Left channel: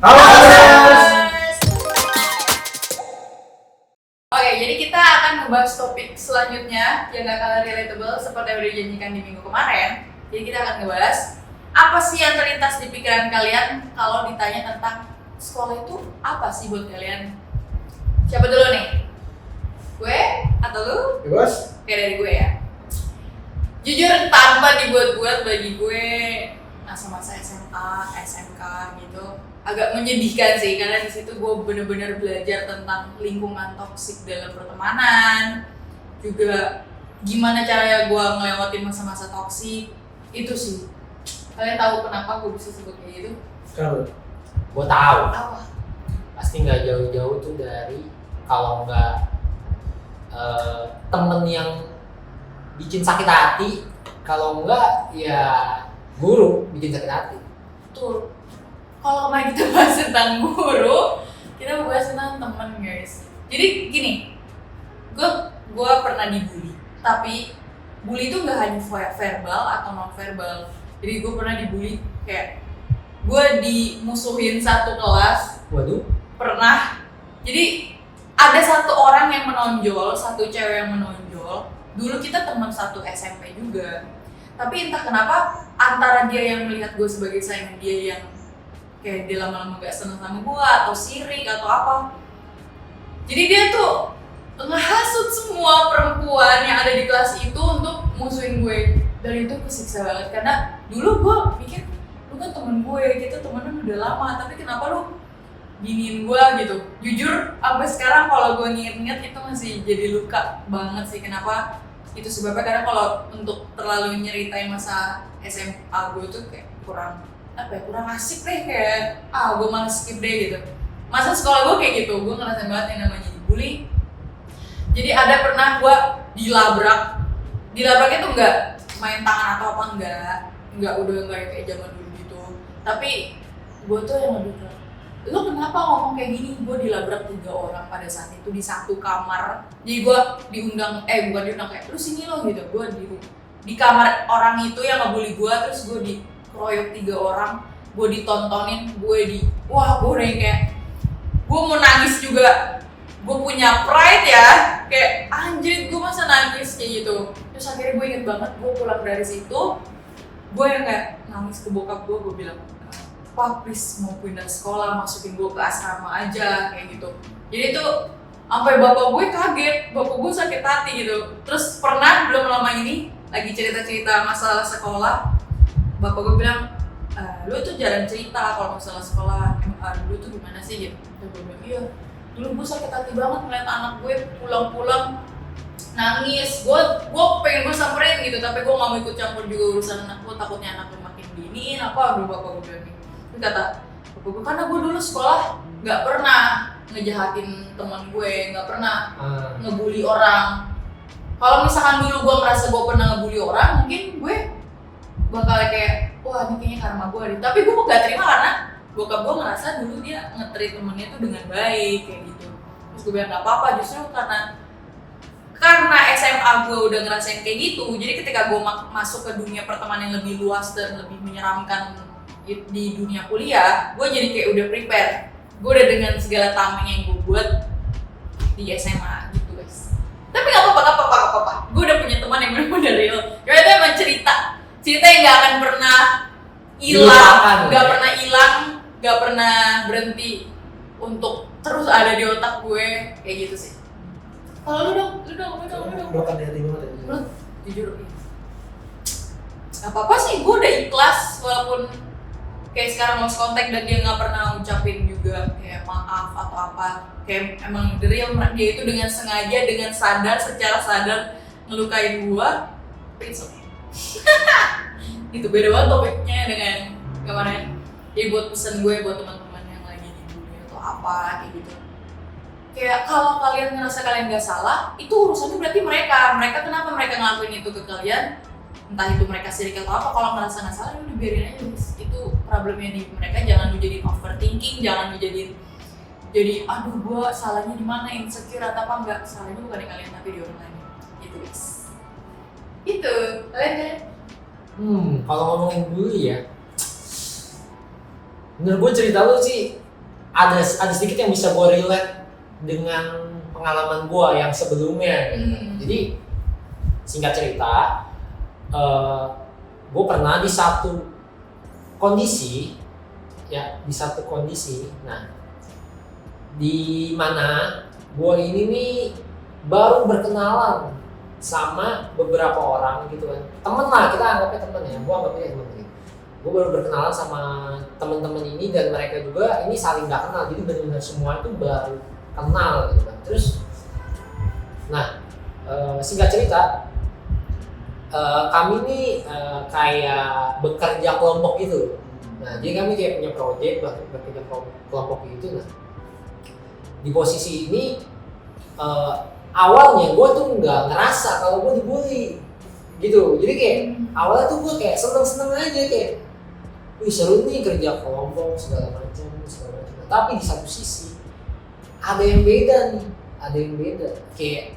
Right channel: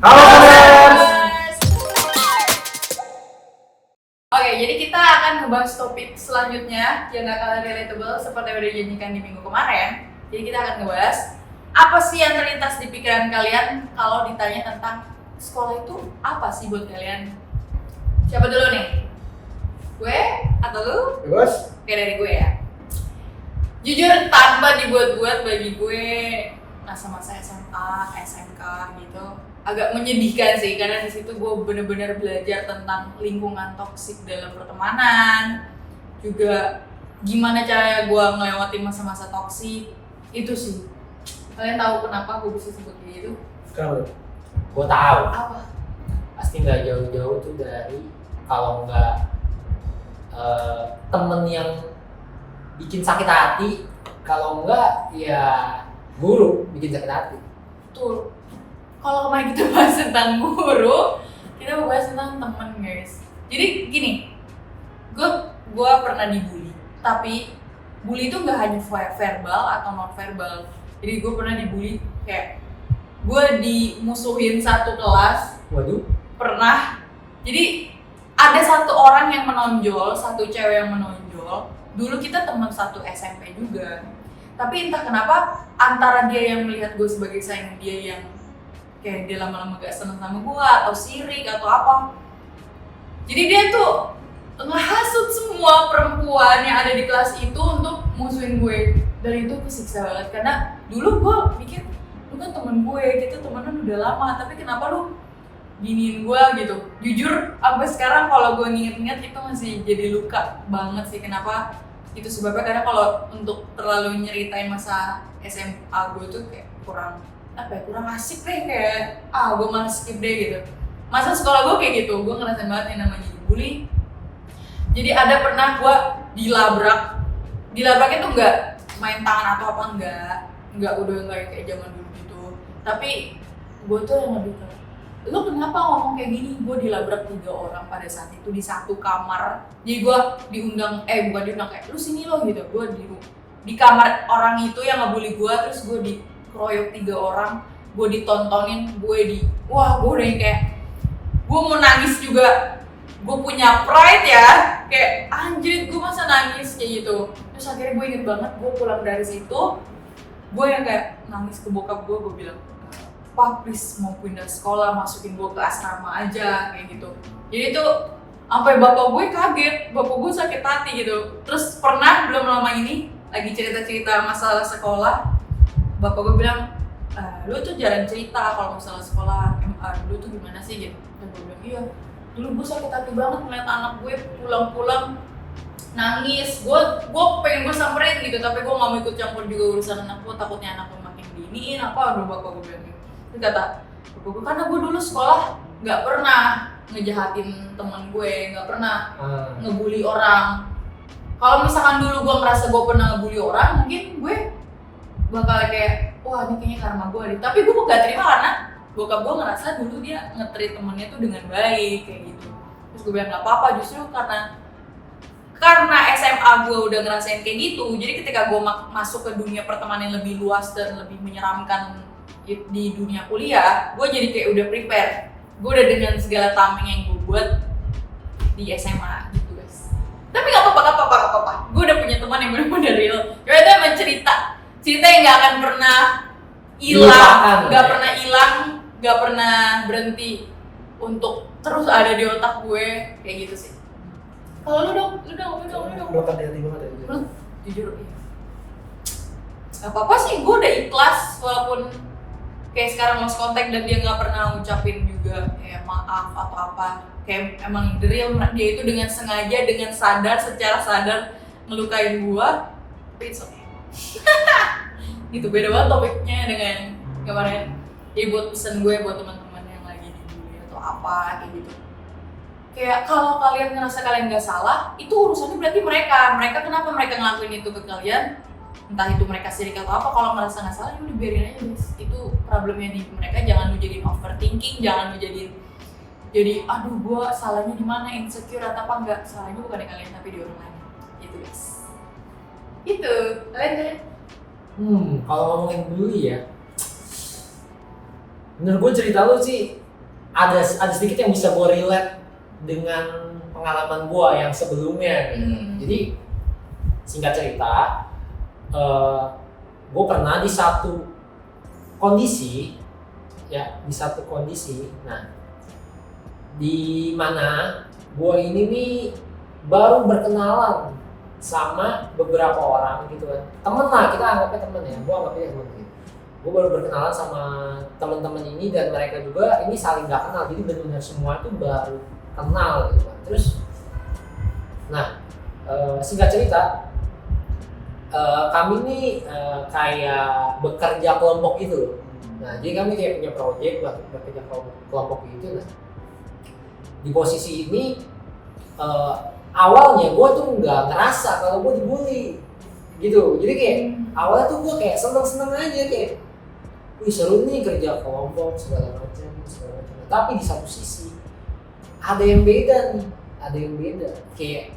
Halo Gamers! Oke, jadi kita akan ngebahas topik selanjutnya yang gak kalah relatable seperti yang udah dijanjikan di minggu kemarin. Jadi kita akan ngebahas apa sih yang terlintas di pikiran kalian kalau ditanya tentang sekolah itu apa sih buat kalian? Siapa dulu nih? Gue atau lu? Bos? Oke, dari gue ya. Jujur tanpa dibuat-buat bagi gue masa-masa SMA, SMK gitu agak menyedihkan sih karena di situ gue bener-bener belajar tentang lingkungan toksik dalam pertemanan, juga gimana caranya gue ngelewatin masa-masa toksik itu sih. Kalian tahu kenapa gue bisa sebut kayak gitu? Kenapa? Gue tahu Apa? pasti nggak jauh-jauh tuh dari kalau nggak temen yang bikin sakit hati, kalau nggak ya guru bikin sakit hati. Betul. Kalau kemarin kita bahas tentang guru, kita mau bahas tentang temen guys. Jadi gini, gue pernah dibully, tapi bully itu nggak hanya verbal atau non verbal. Jadi gue pernah dibully kayak gue dimusuhin satu kelas. Waduh. Pernah. Jadi ada satu orang yang menonjol, satu cewek yang menonjol. Dulu kita teman satu SMP juga. Tapi entah kenapa antara dia yang melihat gue sebagai saingan dia yang kayak dia lama-lama gak seneng sama gue atau sirik atau apa. Jadi dia tuh ngehasut semua perempuan yang ada di kelas itu untuk musuhin gue. Dan itu kesiksa banget karena dulu gue mikir lu kan temen gue, kita temenan udah lama, tapi kenapa lu giniin gue gitu. Jujur sampai sekarang kalau gue nginget-nginget itu masih jadi luka banget sih. Kenapa? Itu sebabnya karena kalau untuk terlalu nyeritain masa SMA gue tuh kayak kurang asik deh, kayak gue malah skip deh gitu. Masa sekolah gue kayak gitu, gue ngerasain banget yang namanya dibully. Jadi ada pernah gue dilabraknya tuh nggak main tangan atau apa, nggak udah nggak kayak zaman dulu gitu. Tapi gue tuh yang lebih ke, lu kenapa ngomong kayak gini? Gue dilabrak 3 orang pada saat itu di satu kamar. Jadi gue bukan diundang kayak lu sini lo gitu. Gue di kamar orang itu yang ngebully gue, terus gue dikeroyok 3 orang, gue ditontonin, gue udah yang kayak gue mau nangis juga. Gue punya pride ya, kayak anjir gue masa nangis kayak gitu. Terus akhirnya gue inget banget, gue pulang dari situ, gue yang kayak nangis ke bokap gue bilang, "Pak, please mau pindah sekolah, masukin gue ke asrama aja," kayak gitu. Jadi tuh sampai bapak gue kaget, bapak gue sakit hati gitu. Terus pernah belum lama ini lagi cerita-cerita masalah sekolah, bapak gue bilang, "Lu tuh jarang cerita kalau masalah sekolah, dulu tuh gimana sih?" gitu. Dan gue bilang, "Iya, dulu gue sakit hati banget ngeliat anak gue pulang-pulang nangis. Gue pengen gue samperin gitu, tapi gue nggak mau ikut campur juga urusan anak gue, takutnya anak gue makin giniin apa." Aduh, bapak gue bilang gitu. Terus kata bapak gue, karena gue dulu sekolah nggak pernah ngejahatin teman gue, nggak pernah ngebully orang. Kalau misalkan dulu gue ngerasa gue pernah ngebully orang, mungkin gue bakal kayak, wah ini kayaknya karma gue deh. Tapi gue gak terima karena bokap gue ngerasa dulu dia nge-treat temennya tuh dengan baik kayak gitu. Terus gue bilang gak apa-apa, justru karena SMA gue udah ngerasain kayak gitu, jadi ketika gue masuk ke dunia pertemanan yang lebih luas dan lebih menyeramkan di dunia kuliah, gue jadi kayak udah prepare. Gue udah dengan segala tameng yang gue buat di SMA gitu guys. Tapi gak apa-apa. Gue udah punya teman yang bener-bener real. Ya itu emang cerita yang gak akan pernah hilang, gak pernah berhenti untuk terus ada di otak gue kayak gitu sih. Kalau lu dong. Doakan di hati banget ya. Lu jujur ya. Gak apa-apa sih, gue udah ikhlas walaupun kayak sekarang lost contact dan dia nggak pernah ngucapin juga kayak maaf atau apa. Kayak emang the real dia itu dengan sengaja, dengan secara sadar ngelukain gue. Tapi it's okay. Gitu, beda banget topiknya dengan kemarin. Jadi buat pesan gue buat teman-teman yang lagi dibully atau apa kayak gitu, kayak kalau kalian ngerasa kalian nggak salah, itu urusannya berarti mereka kenapa mereka ngelakuin itu ke kalian, entah itu mereka sirik atau apa. Kalau ngerasa nggak salah, ya udah biarin aja guys, itu problemnya di mereka. Jangan lu jadiin overthinking, jangan lu jadiin jadi aduh gue salahnya di mana, insecure atau apa. Enggak, salahnya bukan di kalian tapi di orang lain gitu guys. Itu kalian Kalau ngomongin dulu ya, menurut gue cerita lu sih ada sedikit yang bisa gue relate dengan pengalaman gue yang sebelumnya gitu. Jadi singkat cerita, gue pernah di satu kondisi, nah di mana gue ini nih baru berkenalan sama beberapa orang gitu kan, temen lah, kita anggapnya temen ya, gue anggapnya temen gitu. Gue baru berkenalan sama teman-teman ini dan mereka juga ini saling gak kenal, jadi benar-benar semua itu baru kenal gitu kan. Terus, nah singkat cerita, kami nih kayak bekerja kelompok gitu. Nah, jadi kami kayak punya project, bekerja kelompok gitu. Nah, di posisi ini awalnya gue tuh nggak ngerasa kalau gue dibully gitu. Jadi kayak awalnya tuh gue kayak seneng-seneng aja, kayak wih seru nih kerja kelompok segala macam. Tapi di satu sisi ada yang beda nih, kayak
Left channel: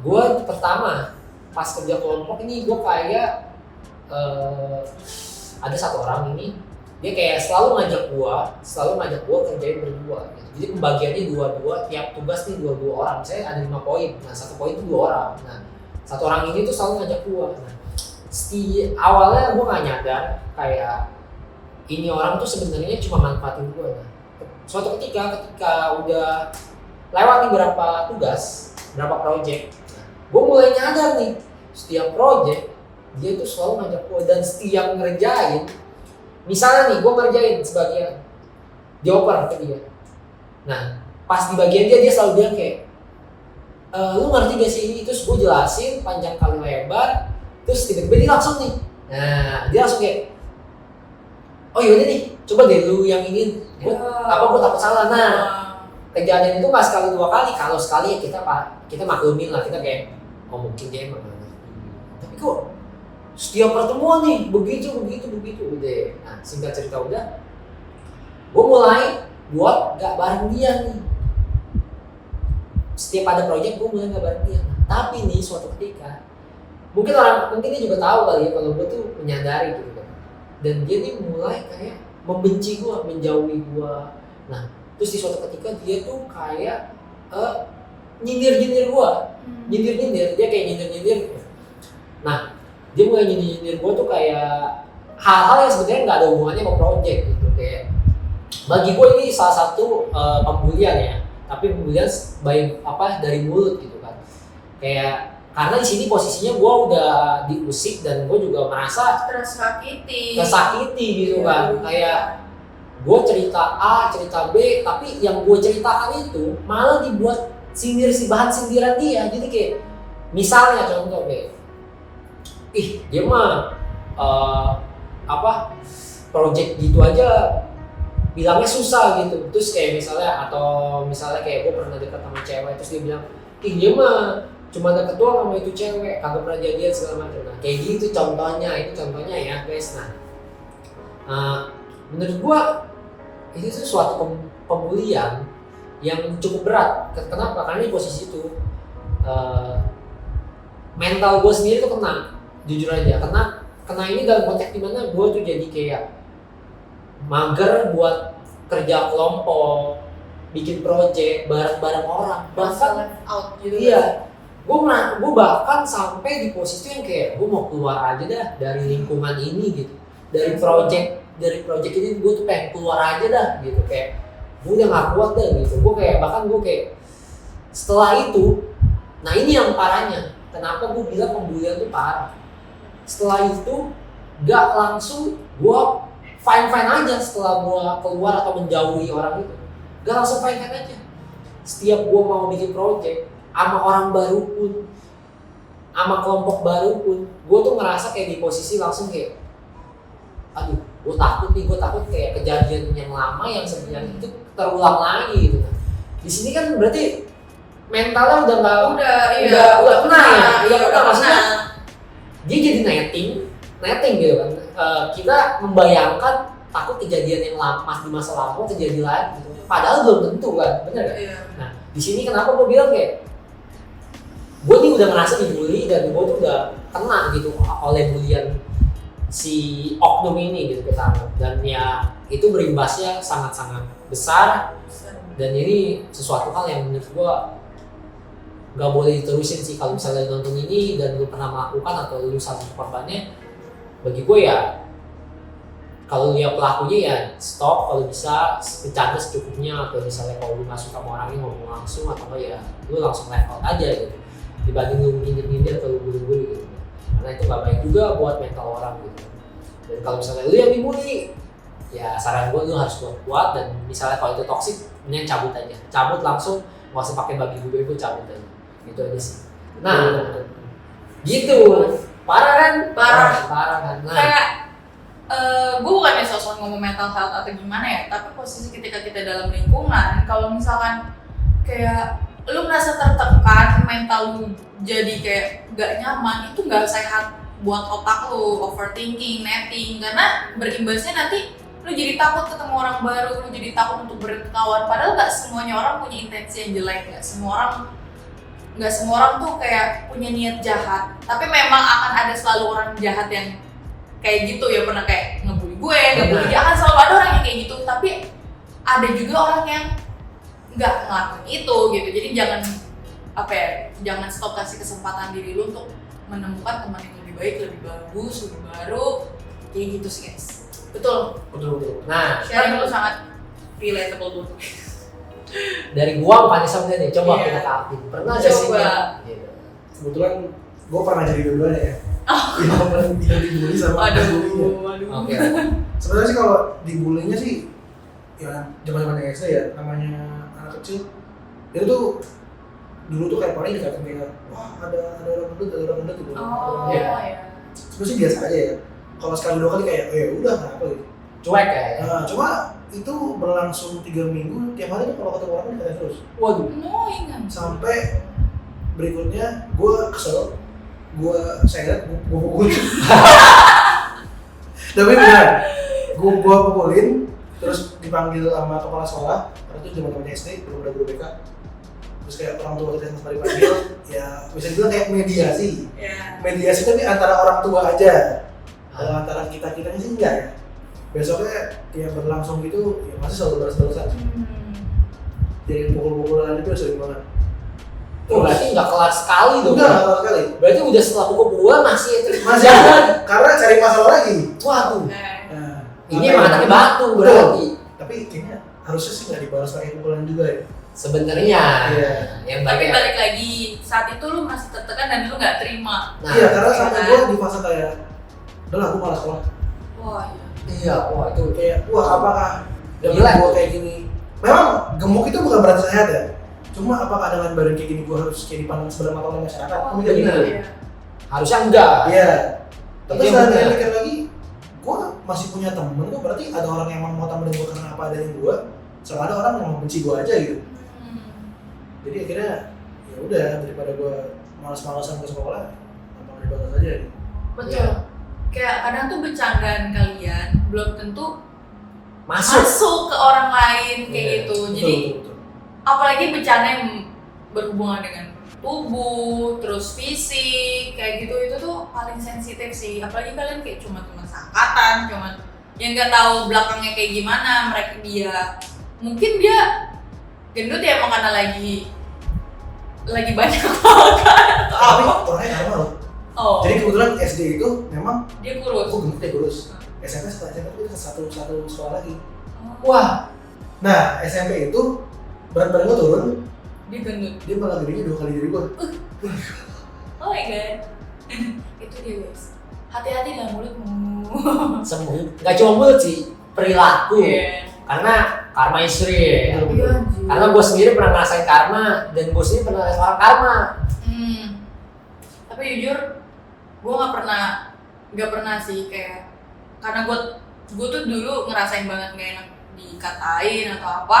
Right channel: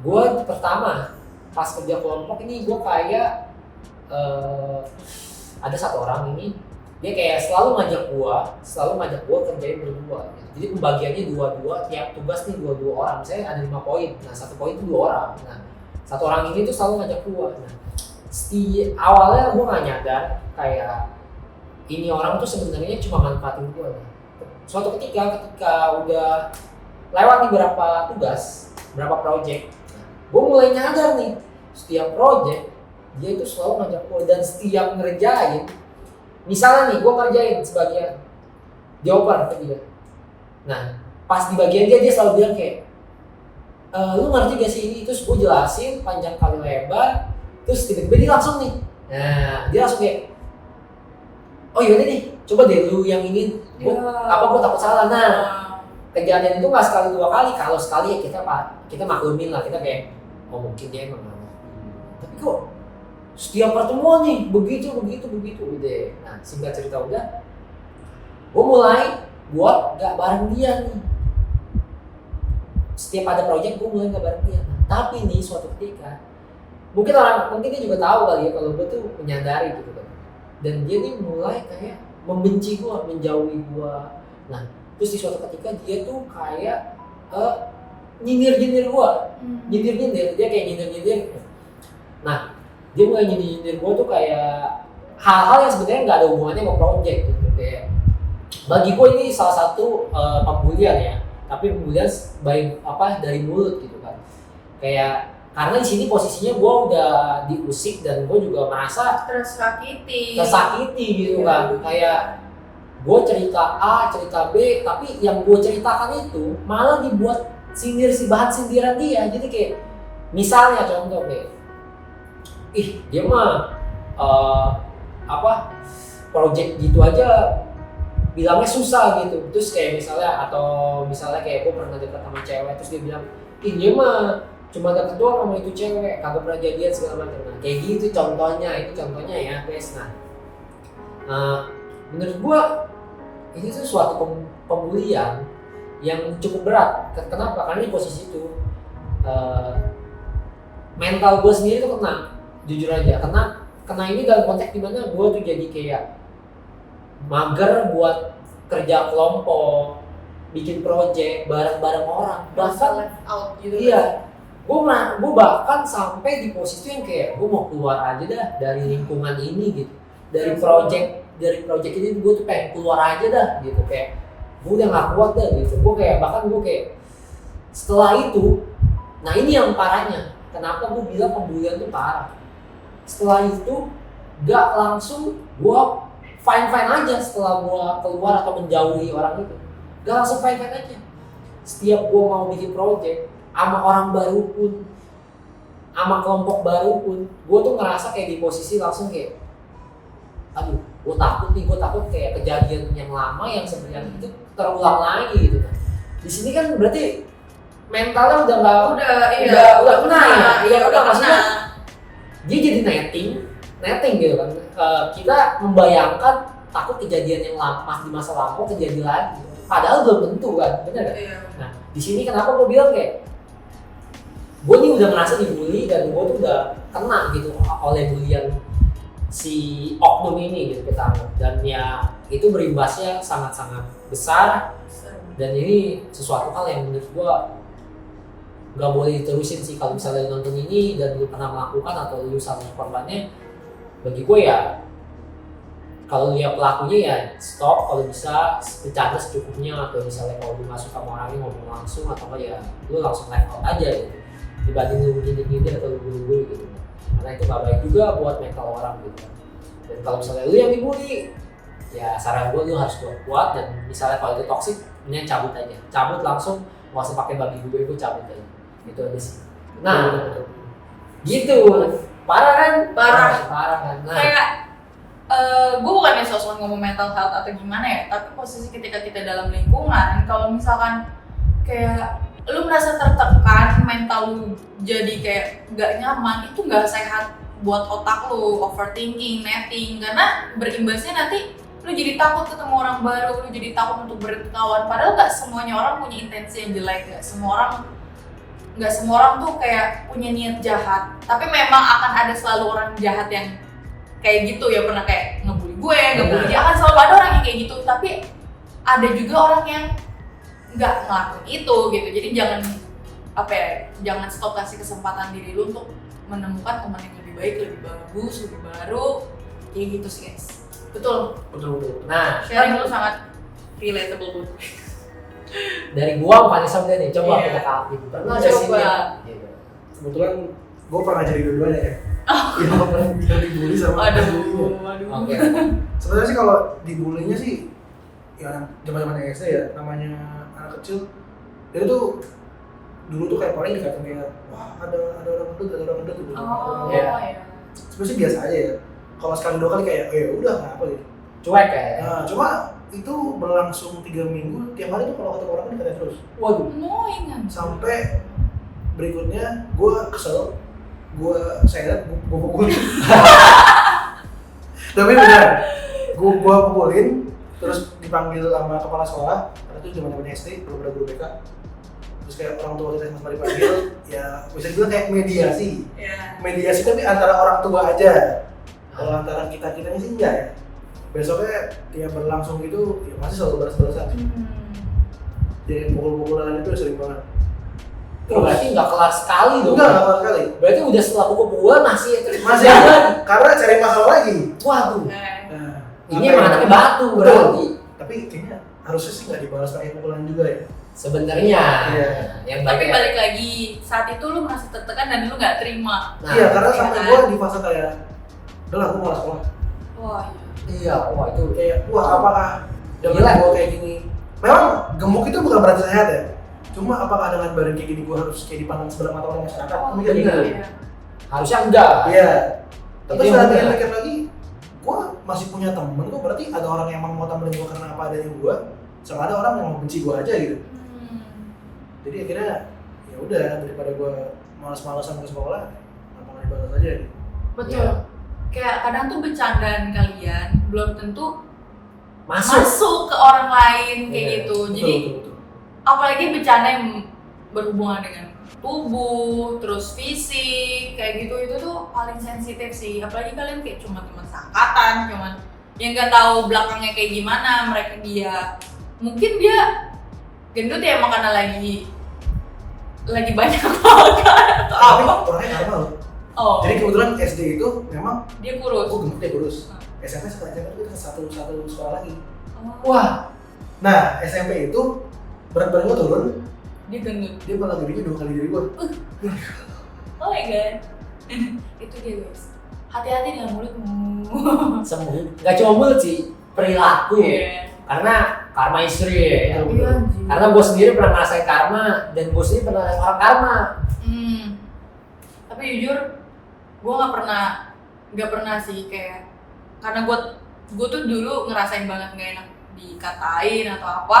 gue pertama pas kerja kelompok ini gue kayak ada satu orang ini, dia kayak selalu ngajak gue kerjain berdua gitu. Jadi pembagiannya dua-dua, tiap tugas nih dua-dua orang. Misalnya ada 5 poin, nah 1 poin itu 2 orang. Nah 1 orang ini tuh selalu ngajak gue. Nah awalnya gue gak nyadar kayak ini orang tuh sebenarnya cuma manfaatin gue. Nah, suatu ketika udah lewat nih berapa tugas, berapa project, gue mulai nyadar nih setiap project dia tuh selalu ngajak gue, dan setiap ngerjain, misalnya nih gue ngerjain sebagian jawaban ketiga, nah pas di bagian dia selalu bilang kayak lu ngerti gak sih ini, terus gue jelasin panjang kali lebar, terus tiba-tiba dia langsung nih, nah dia langsung kayak oh yaudah nih coba deh lu yang ini, gue takut salah. Nah kejadian itu nggak sekali 2 kali, kalau sekali ya kita maklumin lah, kita kayak oh mungkin dia emang aneh. Tapi kok setiap pertemuan nih begitu deh. Nah singkat cerita udah, gue mulai buat nggak bareng dia nih. Setiap ada project gue mulai nggak bareng dia. Nah, tapi nih suatu ketika mungkin dia juga tahu kali ya kalau gue tuh menyadari gitu kan, dan dia nih mulai kayak membenci gue, menjauhi gue. Nah terus di suatu ketika dia tuh kayak nyindir gue, dia kayak nyindir. Nah dia mulai nyindir gue tuh kayak hal-hal yang sebenarnya nggak ada hubungannya sama project gitu. Kayak bagi gue ini salah satu pembulian ya, tapi pembulian dari mulut gitu kan. Kayak karena di sini posisinya gue udah diusik dan gue juga merasa tersakiti gitu kan. Kayak gue cerita A, cerita B, tapi yang gue ceritakan itu malah dibuat bahan sindiran dia. Jadi kayak misalnya contoh kayak dia mah project gitu aja bilangnya susah gitu. Terus kayak misalnya kayak gue pernah deket sama cewek, terus dia bilang dia mah cuma deket doang sama itu cewek, kagak pernah jadian segala macam. Nah kayak gitu contohnya ya guys. Nah menurut gue itu tuh suatu pembulian yang cukup berat. Kenapa? Karena di posisi itu mental gue sendiri tuh kena, jujur aja. Kena ini dalam konteks dimana gue tuh jadi kayak mager buat kerja kelompok, bikin project bareng-bareng orang. Bahkan out gitu. Iya, gue bahkan sampai di posisi yang kayak gue mau keluar aja dah dari lingkungan ini gitu, dari project ini gue tuh pengen keluar aja dah gitu, kayak gue udah gak kuat dah gitu. Gue kayak setelah itu, nah ini yang parahnya, kenapa gue bilang pembulian tuh parah. Setelah itu gak langsung gue fine aja setelah gue keluar atau menjauhi orang itu, gak langsung fine aja. Setiap gue mau bikin project sama orang baru pun, sama kelompok baru pun, gue tuh ngerasa kayak di posisi langsung kayak aduh, gue takut kayak kejadian yang lama yang sebenarnya itu terulang lagi gitu. Di sini kan berarti mentalnya udah kena ya. Maksudnya dia jadi netting gitu kan. Kita membayangkan takut kejadian yang di masa lampau terjadi lagi, padahal belum tentu kan, benar kan? Iya. Nah di sini kenapa gue bilang kayak gue nih udah ngerasa dibully dan gue tuh udah kena gitu oleh bulian si oknum ini gitu kita anggap. Dan ya itu berimbasnya sangat-sangat besar. Dan ini sesuatu hal yang menurut gua nggak boleh diterusin sih. Kalau misalnya nonton ini dan lu pernah melakukan atau lu salah satu korbannya, bagi gue ya kalau lihat pelakunya ya stop, kalau bisa bercanda secukupnya, atau misalnya kalau lu nggak suka sama orangnya ngomong langsung, atau enggak ya lu langsung live out aja gitu, dibanding lu nyindir-nyindir atau lu bully-bully gitu, karena itu nggak baik juga buat mental orang gitu. Dan kalau misalnya lu yang dibully, ya saran gue lu harus kuat-kuat, dan misalnya kalau itu toxic, mending cabut aja, cabut langsung, nggak usah pakai babi gue itu, cabut aja, itu aja sih. Nah gitu, parah kan? Parah kan. Nah, Kayak gue bukannya sosok ngomong mental health atau gimana ya, tapi posisi ketika kita dalam lingkungan, kalau misalkan kayak lu merasa tertekan, mental lu jadi kayak gak nyaman, itu gak sehat buat otak lu, overthinking, netting, karena berimbasnya nanti lu jadi takut ketemu orang baru, lu jadi takut untuk berkawan, padahal gak semuanya orang punya intensi yang jelek, gak semua orang tuh kayak punya niat jahat, tapi memang akan ada selalu orang jahat yang kayak gitu ya, pernah kayak ngebully gue, ngebully dia, akan selalu ada orang yang kayak gitu, tapi ada juga orang yang nggak ngelakuin itu gitu. Jadi jangan stop kasih kesempatan diri lu untuk menemukan teman yang lebih baik, lebih bagus, lebih baru, kayak gitu sih guys. Betul. nah Sharing lu sangat relatable tuh. dari gua Vanessa udah nih, coba Iya. kita Alvin, pernah nggak sih? Coba. Gitu. Kebetulan gue pernah jadi dua-duanya ya. Yang dibully sama yang dibully. Aduh. Oke. Sebenarnya sih kalau dibulinya sih ya zaman-zaman SD ya, namanya anak kecil. Itu tuh dulu tuh kayak paling dikatain kayak wah ada orang gendut gitu. Oh Iya. ya. Sebenarnya sih biasa aja ya. Kalau sekali dua kali kayak ya udah nggak apa gitu. Cuek ya. Nah, cuma itu berlangsung 3 minggu, tiap hari tuh kalau ketemu orang dikatain terus. Waduh. Annoying kan. Sampai berikutnya gue kesel, gue seret, gue pukulin. Tapi benar, gue pukulin, terus dipanggil sama kepala sekolah. Karena itu zaman SD, belum ada guru BK. Terus kayak orang tua kita sama dipanggil, ya bisa dibilang kayak mediasi. Ya. Mediasi tapi antara orang tua aja. Kalau antara kita sih enggak ya. Besoknya dia berlangsung gitu, ya masih selalu balas-balasan. Jadi pukul-pukulan itu sering banget. Berarti nggak kelar sekali dong. Enggak kelar sekali. Berarti udah setelah pukul-pukulan masih Masih ada, karena cari masalah lagi. Waduh. Nah, Ini emang anaknya batu berarti. Tapi kayaknya harusnya sih nggak dibalas pakai pukulan juga ya. Sebenarnya. Iya. Yang Tapi baik. balik lagi, saat itu lu merasa tertekan dan lu nggak terima. Nah, Iya, karena sampai kan? gue di fase kayak, udah lah gue malas sekolah. Wah, iya. Iya, wah itu Kayak, wah apakah dengan Gila. gue kayak gini? Memang gemuk itu bukan berarti sehat ya. Cuma apakah dengan badan kayak gini gue harus kayak dipandang sebelah mata oleh masyarakat? Oh, Kan mikir gitu. iya. harusnya enggak. Iya. Tapi Itu yang setelah benar. pikir lagi, gue masih punya temen kok, berarti ada orang yang mau temenin gue karena apa adanya gue, sama ada orang yang mau benci gue aja gitu. Jadi akhirnya ya udah, daripada gue malas-malasan ke sekolah, apa nggak dibalas aja gitu. Betul. Iya. Kayak kadang tuh bercandaan kalian belum tentu Masuk. masuk ke orang lain kayak Iya, gitu. Betul, Jadi betul. apalagi bercanda yang berhubungan dengan tubuh, terus fisik, kayak gitu, itu tuh paling sensitif sih. Apalagi kalian kayak cuma teman seangkatan, cuman yang nggak tahu belakangnya kayak gimana. Mungkin dia gendut ya emang karena lagi banyak makan. Tapi orangnya karma loh. Oh, Jadi kebetulan SD itu memang dia kurus. aku gemuk, dia kurus. SMP setelah SMP itu satu sekolah lagi. Oh, Wah, Nah SMP itu berat badan gue turun, dia gendut. dia malah gedenya 2 kali diri gue. Oh my god. Itu dia guys. Hati-hati dengan mulutmu. sembuh. Nggak cuma mulut sih, perilaku. Iya. Karena karma istri ya. Iya, anjir. Karena gue sendiri pernah ngerasain karma, dan gue sendiri pernah ngerasain orang karma. Tapi jujur, gue nggak pernah sih kayak, karena gue tuh dulu ngerasain banget nggak enak dikatain atau apa.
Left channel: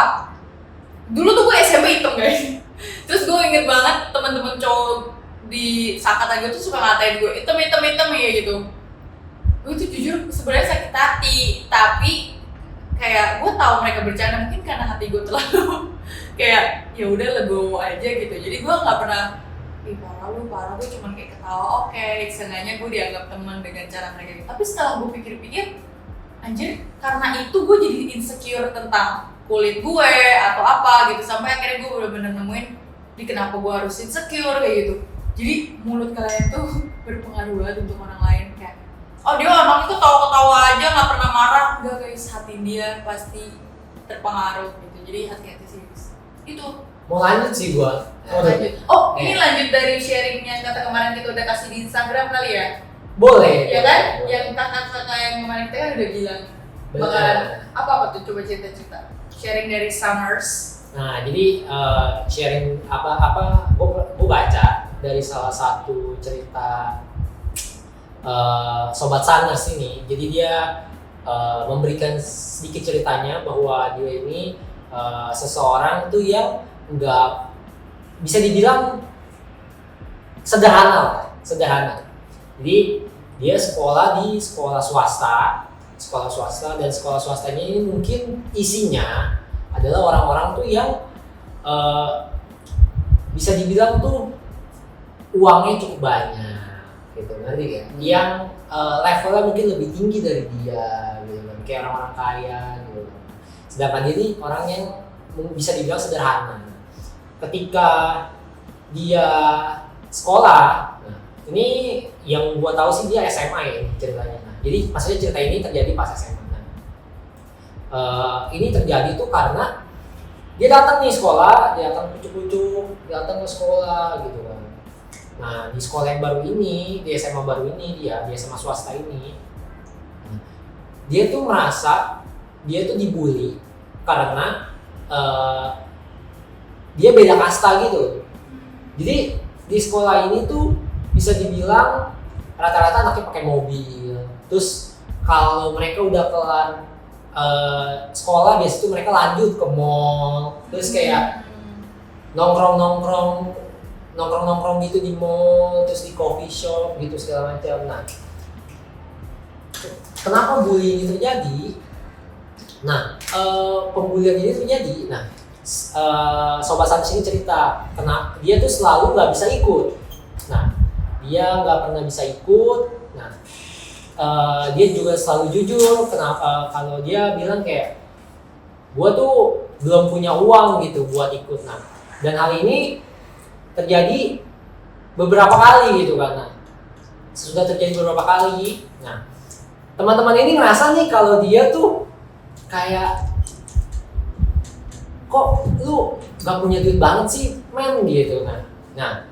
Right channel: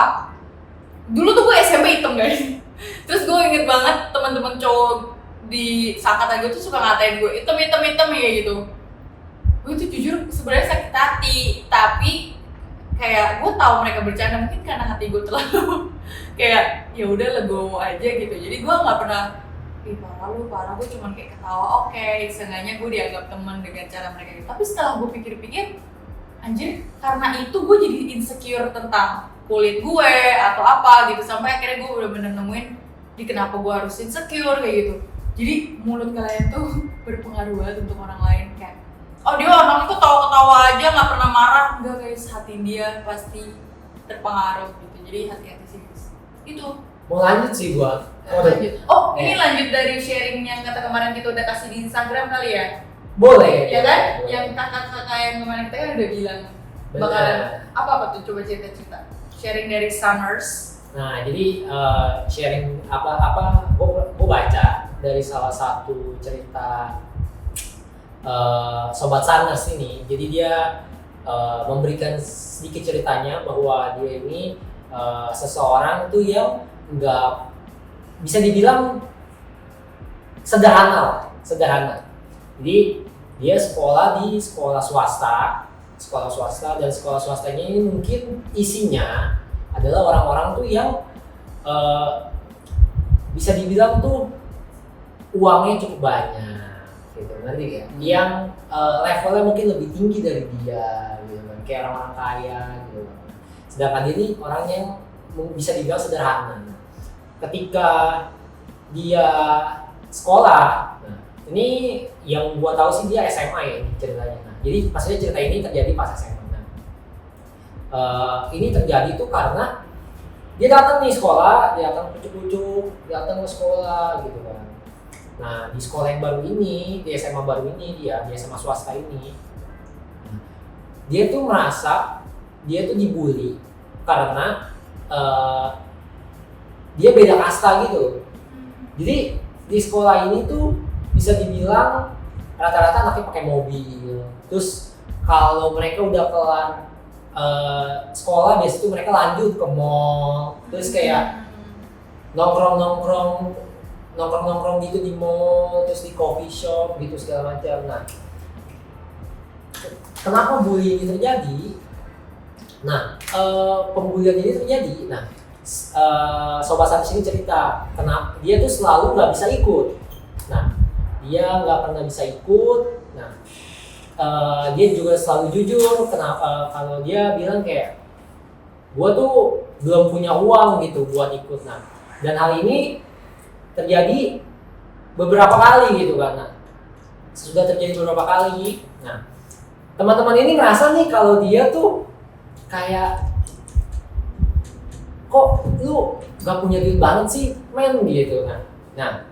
Dulu tuh gue SMP hitam guys. Terus gue inget banget teman-teman cowok di seangkatan gue tuh suka ngatain gue hitam ya gitu. Gue tuh jujur sebenarnya sakit hati, tapi kayak gue tahu mereka bercanda, mungkin karena hati gue terlalu kayak ya udah legowo aja gitu. Jadi gue nggak pernah ih parah, gue cuma kayak ketawa, oke, seenggaknya gue dianggap teman dengan cara mereka gitu. Tapi setelah gue pikir-pikir, anjir karena itu gue jadi insecure tentang kulit gue atau apa gitu, sampai akhirnya gue bener-bener nemuin di kenapa gue harus insecure kayak gitu. Jadi mulut kalian tuh berpengaruh banget untuk orang lain, kayak oh dia orang itu ketawa-ketawa aja nggak pernah marah, enggak guys, hati dia pasti terpengaruh gitu. Jadi hati-hati sih guys. Itu Mau lanjut sih gua. lanjut. Oh ini lanjut dari sharing yang kata kemarin kita udah kasih di Instagram kali ya. Boleh. Ya kan? boleh. Yang kakak-kakak yang kemarin kita kan udah bilang Bener. bakalan apa tuh, coba cerita-cerita. Sharing dari Summers. Nah, jadi sharing apa gue baca dari salah satu cerita Sobat Sunners ini. Jadi dia memberikan sedikit ceritanya bahwa dia ini seseorang tuh yang nggak bisa dibilang sederhana. Jadi dia sekolah di sekolah swasta dan sekolah swastanya ini mungkin isinya adalah orang-orang tuh yang bisa dibilang tuh uangnya cukup banyak gitu, ngerti ya? Yang levelnya mungkin lebih tinggi dari dia gitu kan, kayak orang-orang kaya gitu. Sedangkan dia ini orang yang bisa dibilang sederhana. Ketika dia sekolah, nah, ini yang gua tahu sih dia SMA ya ceritanya. Nah, jadi maksudnya cerita ini terjadi pas SMA. Nah, ini terjadi tuh karena dia datang nih sekolah, dia datang kucuk-kucuk, datang ke sekolah gitu kan. Nah di sekolah yang baru ini, di SMA baru ini di SMA swasta ini, dia tuh merasa dia tuh dibully karena dia beda kasta gitu. Jadi di sekolah ini tuh bisa dibilang rata-rata anaknya pakai mobil. Terus kalau mereka udah kelar sekolah biasanya tuh mereka lanjut ke mall. Terus kayak nongkrong gitu di mall, terus di coffee shop gitu segala macam. Nah, kenapa bullying ini terjadi? Nah, pembulian ini terjadi. Nah, Sobat Sunners ini cerita, kenapa dia tuh selalu nggak bisa ikut. Nah, dia nggak pernah bisa ikut. Nah, dia juga selalu jujur. Kenapa? Kalau dia bilang kayak, gua tuh belum punya uang gitu buat ikut. Nah, dan hal ini terjadi beberapa kali gitu kan. Nah, sudah terjadi beberapa kali. Nah, teman-teman ini ngerasa nih kalau dia tuh kayak, kok lu gak punya duit banget sih men gitu kan. Nah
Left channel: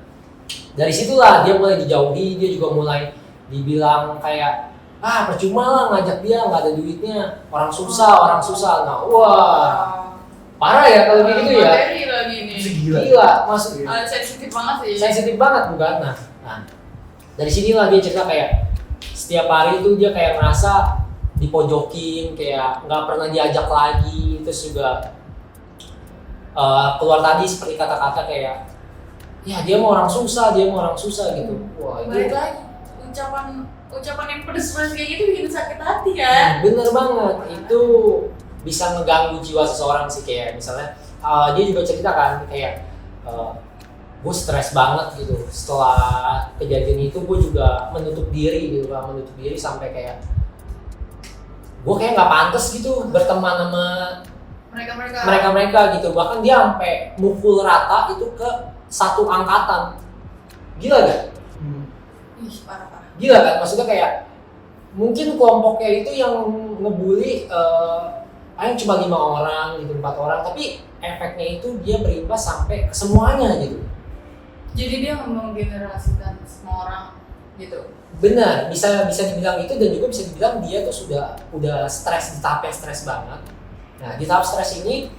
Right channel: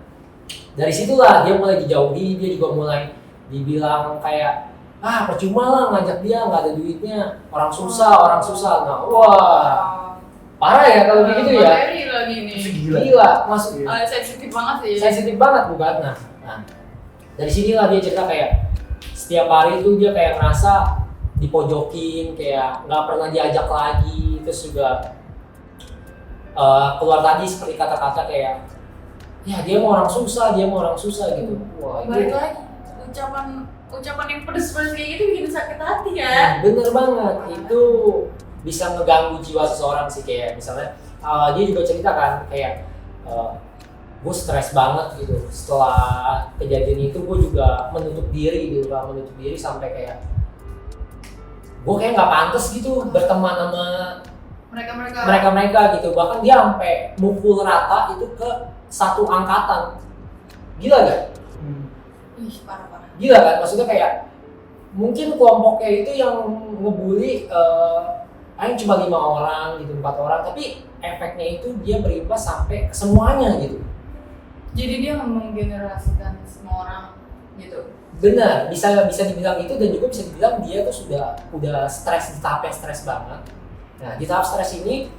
dari situlah dia mulai dijauhi, dia juga mulai dibilang kayak percuma lah ngajak dia, nggak ada duitnya, orang susah. Nah wah parah ya kalau begitu ya. Materi lagi nih. Gila masuk. Sensitif banget sih. Sensitif banget bukan. Nah dari sinilah dia cerita kayak setiap hari itu dia kayak ngerasa dipojokin, kayak nggak pernah diajak lagi. Terus juga keluar tadi seperti kata-kata kayak ya dia mau orang susah gitu. Wah itu balik lagi ucapan yang pedes kayak gitu bikin sakit hati ya. Bener banget, itu bisa ngeganggu jiwa seseorang sih. Kayak misalnya dia juga cerita kan kayak gue stres banget gitu setelah kejadian itu. Gue juga menutup diri sampai kayak gue kayak nggak pantas gitu berteman sama mereka gitu. Bahkan dia sampai mukul rata itu ke satu angkatan. Gila gak? Ih parah. Gila kan? Maksudnya kayak mungkin kelompoknya itu yang ngebully cuma 5 orang gitu, 4 orang, tapi efeknya itu dia berimbas sampai ke semuanya gitu. Jadi dia menggenerasikan semua orang gitu. Benar, bisa dibilang itu, dan juga bisa dibilang dia tuh udah stres, di tahap yang stres banget. Nah di tahap stres ini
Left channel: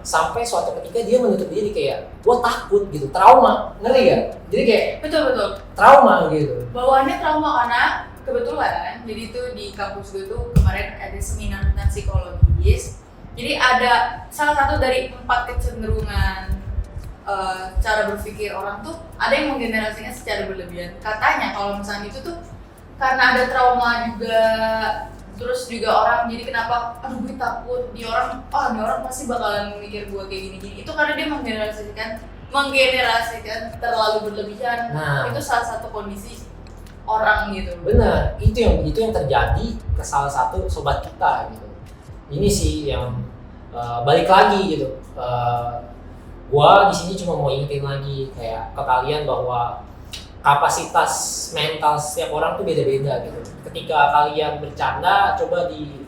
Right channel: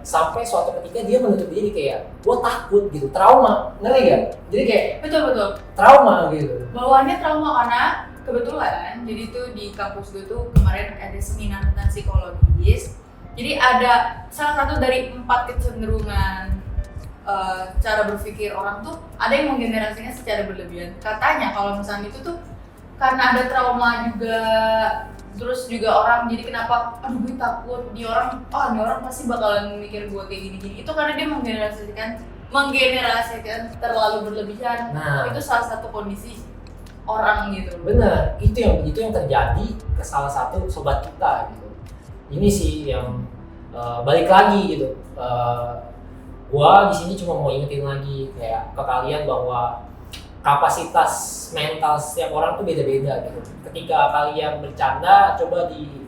sampai suatu ketika dia menutup diri kayak gue takut gitu, trauma, ngerti gak? Jadi kayak betul trauma gitu. bawaannya trauma karena kebetulan jadi tuh di kampus gue tuh kemarin ada seminar tentang psikologis. Jadi ada salah satu dari 4 kecenderungan cara berpikir orang tuh, ada yang menggenerasinya secara berlebihan. Katanya kalau misalnya itu tuh karena ada trauma juga. Terus juga orang jadi kenapa, aduh gue takut, ini orang pasti bakalan mikir gue kayak gini-gini. Itu karena dia menggenerasikan terlalu berlebihan. Nah. Itu salah satu kondisi orang gitu. Bener, itu yang terjadi ke salah satu sobat kita gitu. Ini sih yang balik lagi gitu. Gua di sini cuma mau ingetin lagi kayak ke kalian bahwa kapasitas mental setiap orang tuh beda-beda gitu. Ketika kalian bercanda, coba Betul.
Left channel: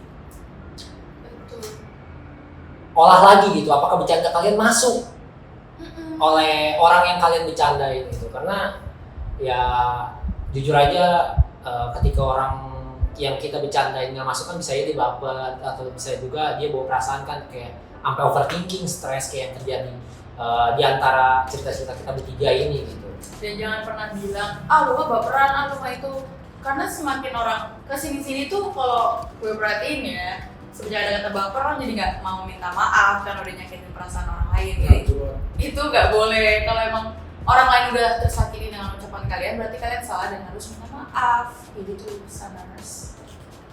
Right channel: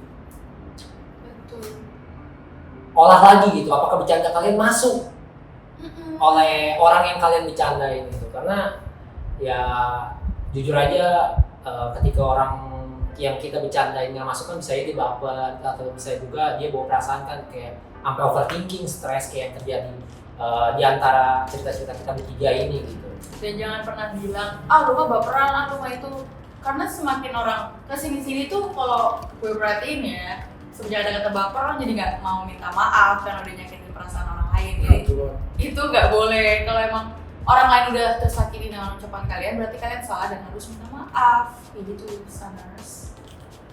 olah lagi gitu. Apakah bercanda kalian masuk oleh orang yang kalian bercandain gitu? Karena ya jujur aja ketika orang yang kita bercandain nggak masuk kan bisa dia baper atau bisa juga dia bawa perasaan kan kayak sampai overthinking, stres kayak yang terjadi di antara cerita-cerita kita bertiga ini gitu. Dan jangan pernah bilang, lu mah baperan, lu mah itu. Karena semakin orang kesini-sini tuh kalau gue perhatiin ya, semenjak ada kata baper, orang jadi nggak mau minta maaf karena udah nyakitin perasaan orang lain. Jadi itu nggak boleh. Kalau emang orang lain udah tersakiti dengan ucapan kalian, berarti kalian salah dan harus minta maaf. Kayak gitu, Saners.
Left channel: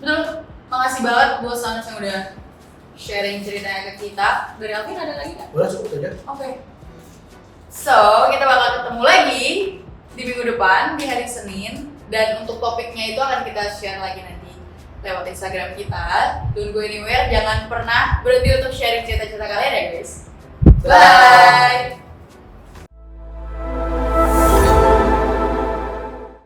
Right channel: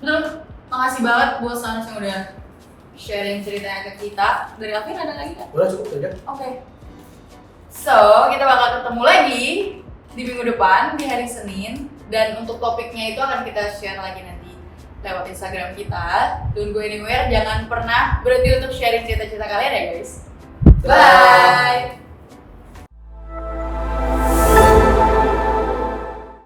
Betul, makasih banget buat Saners yang udah sharing ceritanya ke kita. Dari Alvin ada lagi nggak? Udah cukup aja. Oke. So, kita bakal ketemu lagi di minggu depan, di hari Senin. Dan untuk topiknya itu akan kita share lagi nanti lewat Instagram kita. Don't go anywhere, jangan pernah berhenti untuk sharing cerita-cerita kalian ya guys. Bye!